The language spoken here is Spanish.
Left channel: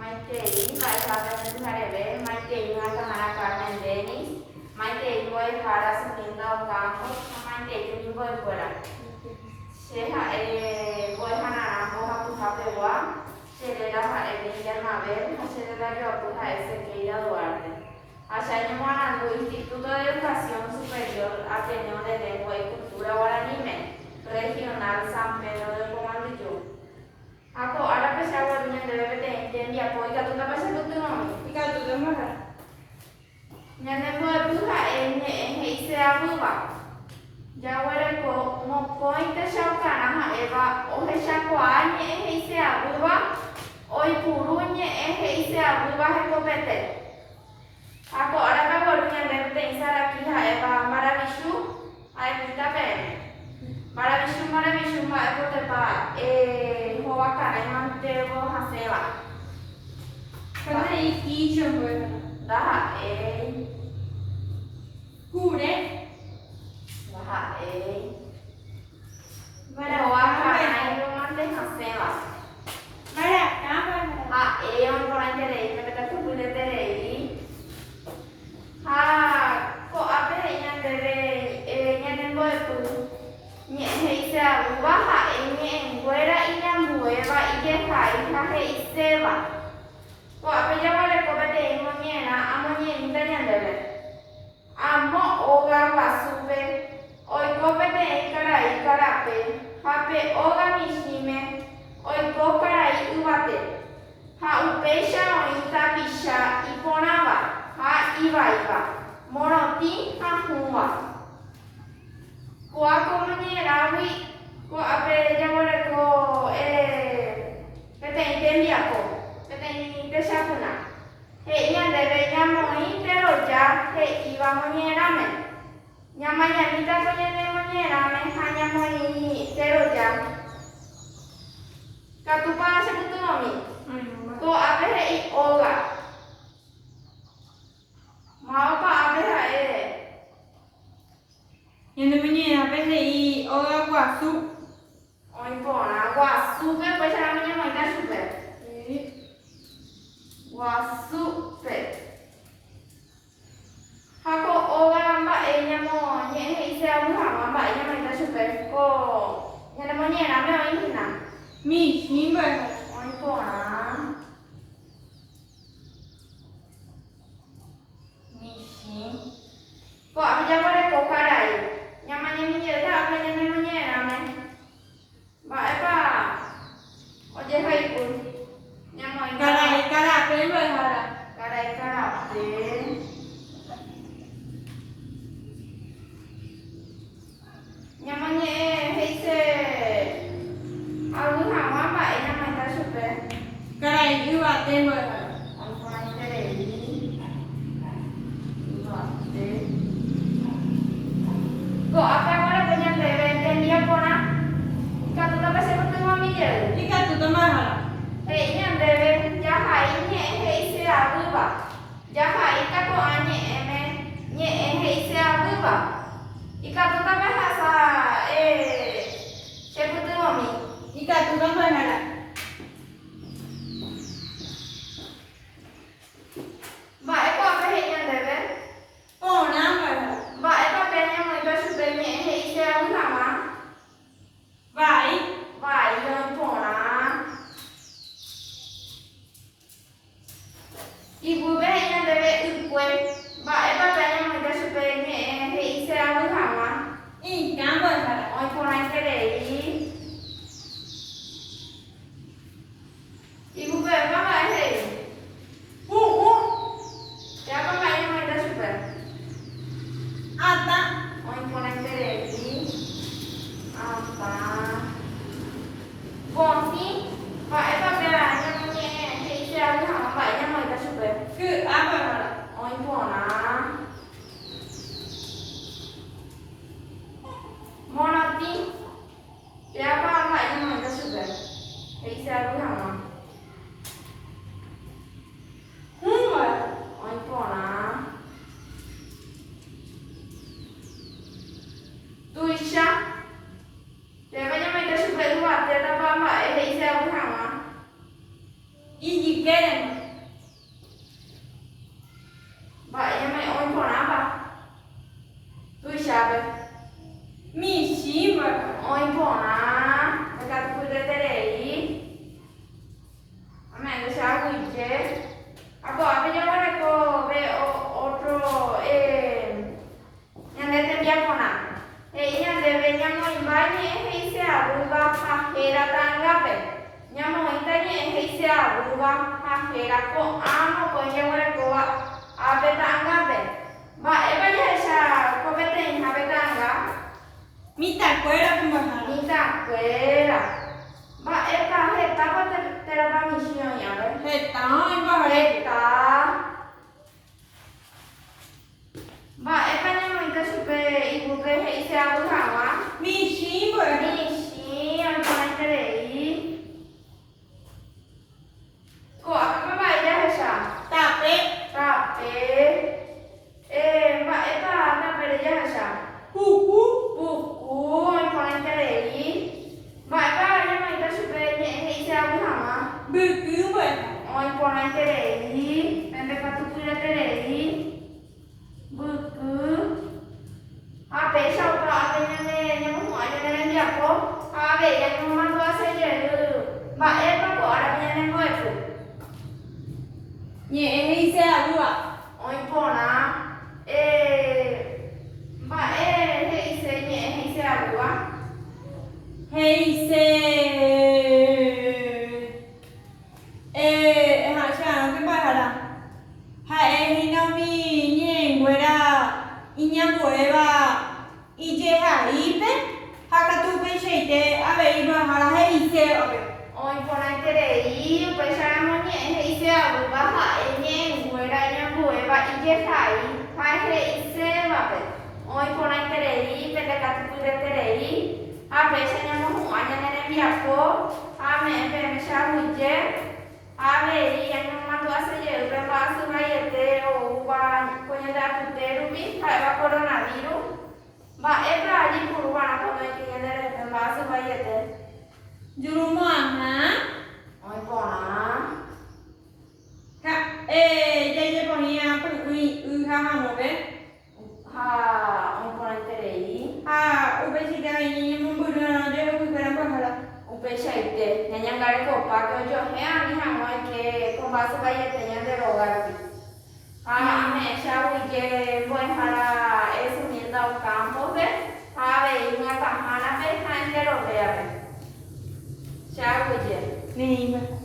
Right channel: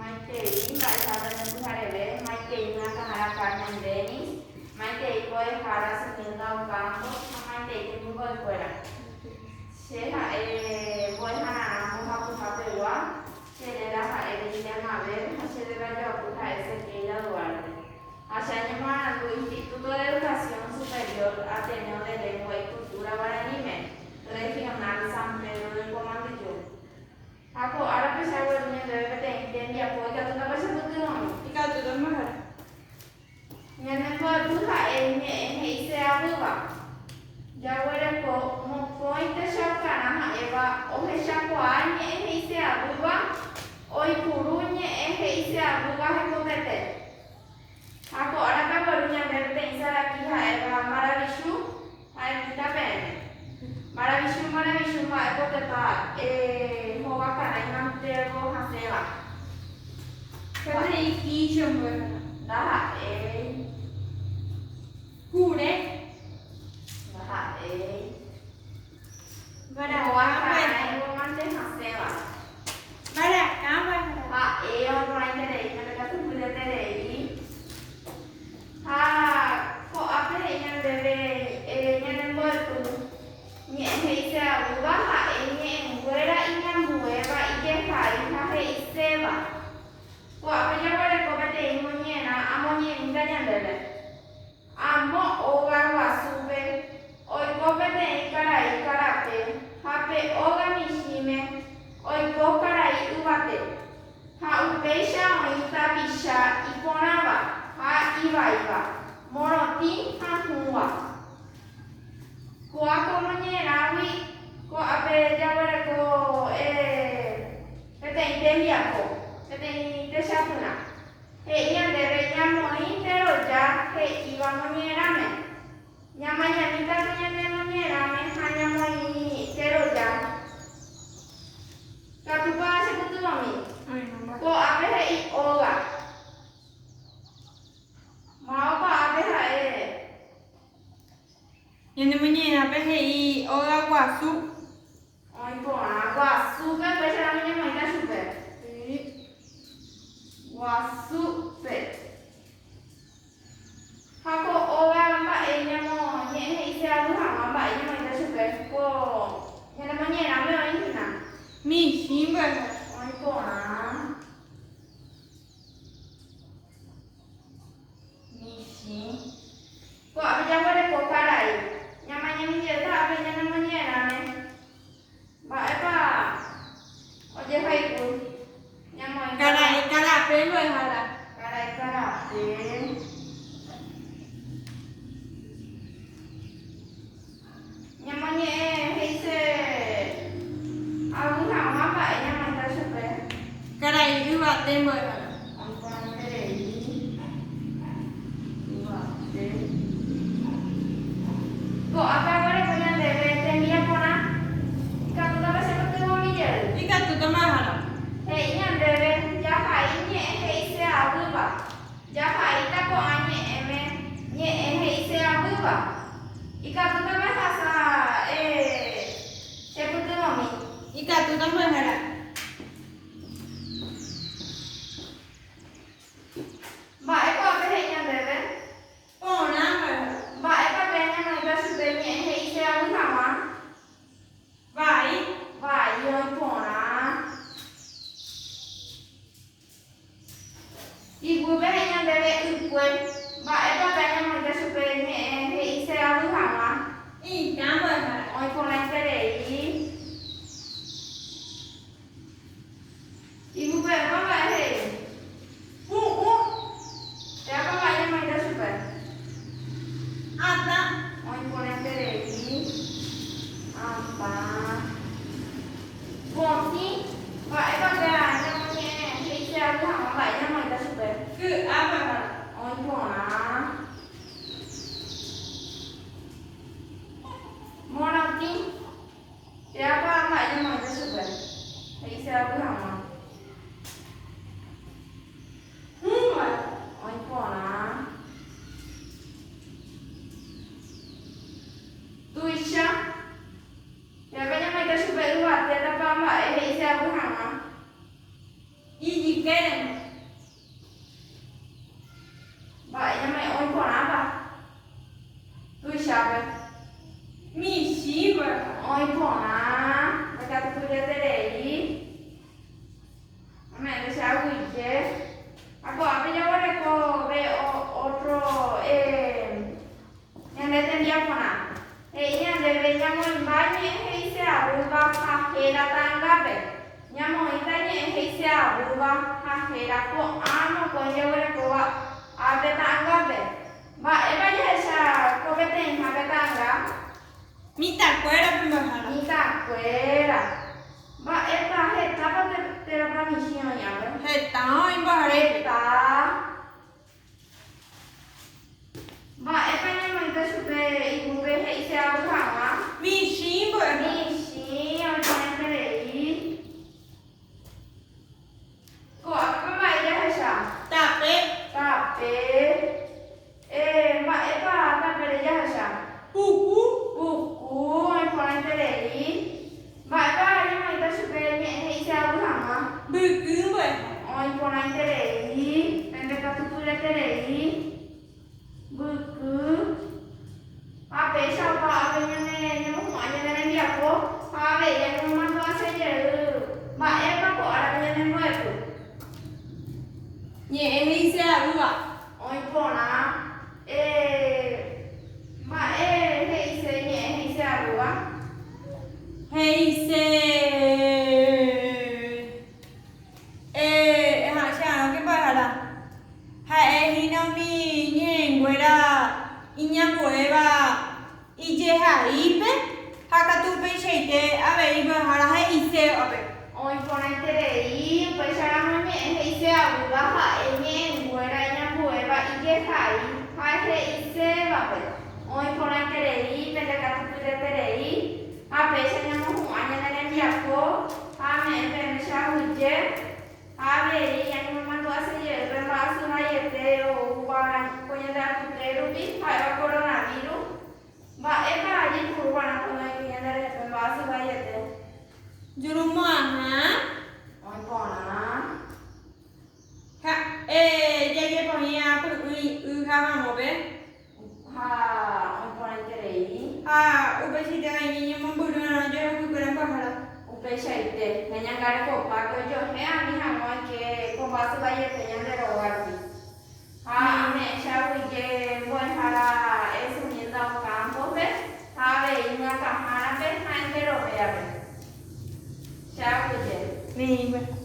Maitei, vai para Santarelé, Maitei na Canara Carmen Denis, Maitei voy para Salinda Ocampo, Maitei que me voy fuera. Sheha voy a Naramo a Pujapewa, Sherera Emilia Mabel, Sherera Yopuja Ezequiel Duarte. Allá llamando Instituto de Educación Superior Ateneo de Lengua y Cultura Guaranime, Regional San Pedro del Comandillo. Aku ada pesawatnya dari PT dia poi katu na basa betul no. Ika tu mah. Nyane buat buka ise abu ba. Jawara ko mo point shauka na eva ohe shako anye ise abu ba. Oi purunya ise abu ba he ko pete. Aku ada ka borunya dari PT insara ki ha eva maravishu ai kita ben. Maravishu ma ko te pa Wakana imantego haseva. Kada iki chumbo. Daha Kure. Daha Bara Wakana imantego haseva. Bara apa? Ha orang terei kita tu boleh terei. Ha ko apa yang dari yang nembol tu. Nye heisa uba ha enye nguera inya mueva ije kai ha heiseva. Ko apa jawara ko bate imonyena amonye indanya ndele. Amo oga wasube oi ko bate ikara pe ha pe oga mishime oi ko kara ubate. Ha upesha oita bisha iponava ha iva moroti ha huwa. Ko ako manyera wi ko ape jawara ko pete intemia ko pete intesapuna he ian debe llamo intero ya he iba manyera me nyamanya nita penyene manyera me hanya moi intero ya katupa sebutu mami ko ape he I oga mau ka ape he Yang namanya apa sih? Orang wasu. Oi bona, guasu kan bahasa namanya mereka super. Guasu pe. Hako orang mbak enya mo nye ise abu hama mbak enya mereka super. Ko yang namanya namanya ini na. Mi simba. Oi bona. Misi. Ko apa jawaban ko karai? Namanya menjadi apa yang namanya namanya? Mbak Eva, oje hai pun, nyamai. Cara apa yang berhala? Karai deh. Nyamanya heise, aku nama Mbak nyamai tak suka. Cara itu apa yang berhala? Aku ini deh. Kok apa yang ada punya bebek dia pona? Kau tak bisa ketemu mijel. Ika tu mah. Hei yang bebek jaha ini hei se abu ba. Jaha ita ko anye eme nye hei se abu ba. Ika tu tak bahasa sebut mami. Ika tu mah. Mbak Eko apa hei yang bebek? Oh nama. Mbak Eko kayaknya mereka sudah nye hei se abu nama. Baik. Vai, yang pona. Ibu behnya bebek ukwe. Mbak Eko kayaknya mereka sudah nye hei se abu nama. Ih, kamu berhala. Oi pona terei. Ibu berapa mbak hei? Siapa mbak yang mereka sudah? Ada. Oi pona terei. Apa? Bonti. Mbak Eko kayaknya nye hei se abu nama mbak yang mereka sudah. Ke apa? Oi pona. Monati. y queremos. Ba em mày ôi còn áp à? Tôi sao vậy? Mi shiva. Ôi còn á, mày đặt tôi lên đây đi. Mày nó sao quỷ chứ? À bỏ bây giờ con này cô về otro nhân đây tên dia con à? Nhân đây về nhân mình bán nhé hay sao? Buka kahera tangga về. Nhân mình ta nhé hay sao? Buka kahera ko ano ko nhân đây cô à? Abe tangga be. Ba eba ya sa ko bete en abe tangga. Mi tacuera como jala. Ni ta cuera. Ba esta heta ba te ba misión ya be. Heta en bajare. Heta. Ba eba ya mo ita supe ibu be he se abu hawa. Mi shiva. Ni si al paente lei. Ko apa ba ya sa? Tape. Tape. Ba eba ta pe ya sa. Cucu. Buku al paente lei. Ba eba ya mo ita supe ni he se abu hawa. Buku pues. Oi paente lei. Pende ka tu tu te lei. Buku. Ape sao ka ape ne mo ho ya ne dia ko. Ape ya mo ma tu ase je. Ba eba ko ara ne mo ko. Nhẹ hay xe à ạ? Oi pona. Ba he se nhẹ he se abu a. Hay xe. Hả chả cái bài là hãy hình nào mi nhẹ quay ra inya quay ba ije hai pe hakatu pe cheite ave iba hara hay xe ave. Oi paente lei. Pe sa mo nhẹ he se abu ba ha nhẹ ngồi ra nya bue ba ije thai. Hai he se ba pe. Oi paente lei. Pende ka tu te lei. Ape sa nya mo ho anya ne dia ko. Ame pe me sa huje. Ave yang mama tu asa je berapa asuh ayat te uban punya dah tu te rupi hai ba coronavirus ba eba aji puruan apa mai punya dah berapa asuh ayat te Jurumah ha? oi pona Ha jadi apa ya pun ha mo be? ha oi pona terei Ha ube si dah ini memburu na je ku kena apa hala? upe shaite nanya ngare ko pa ko jo he ani ha moi ke ko ba asuh ayat te yang de rogar pi ha ame sha uje buen para eso ni dao campo be ha ve una camana be ha en de rogar Chào cô chị. Ni ba.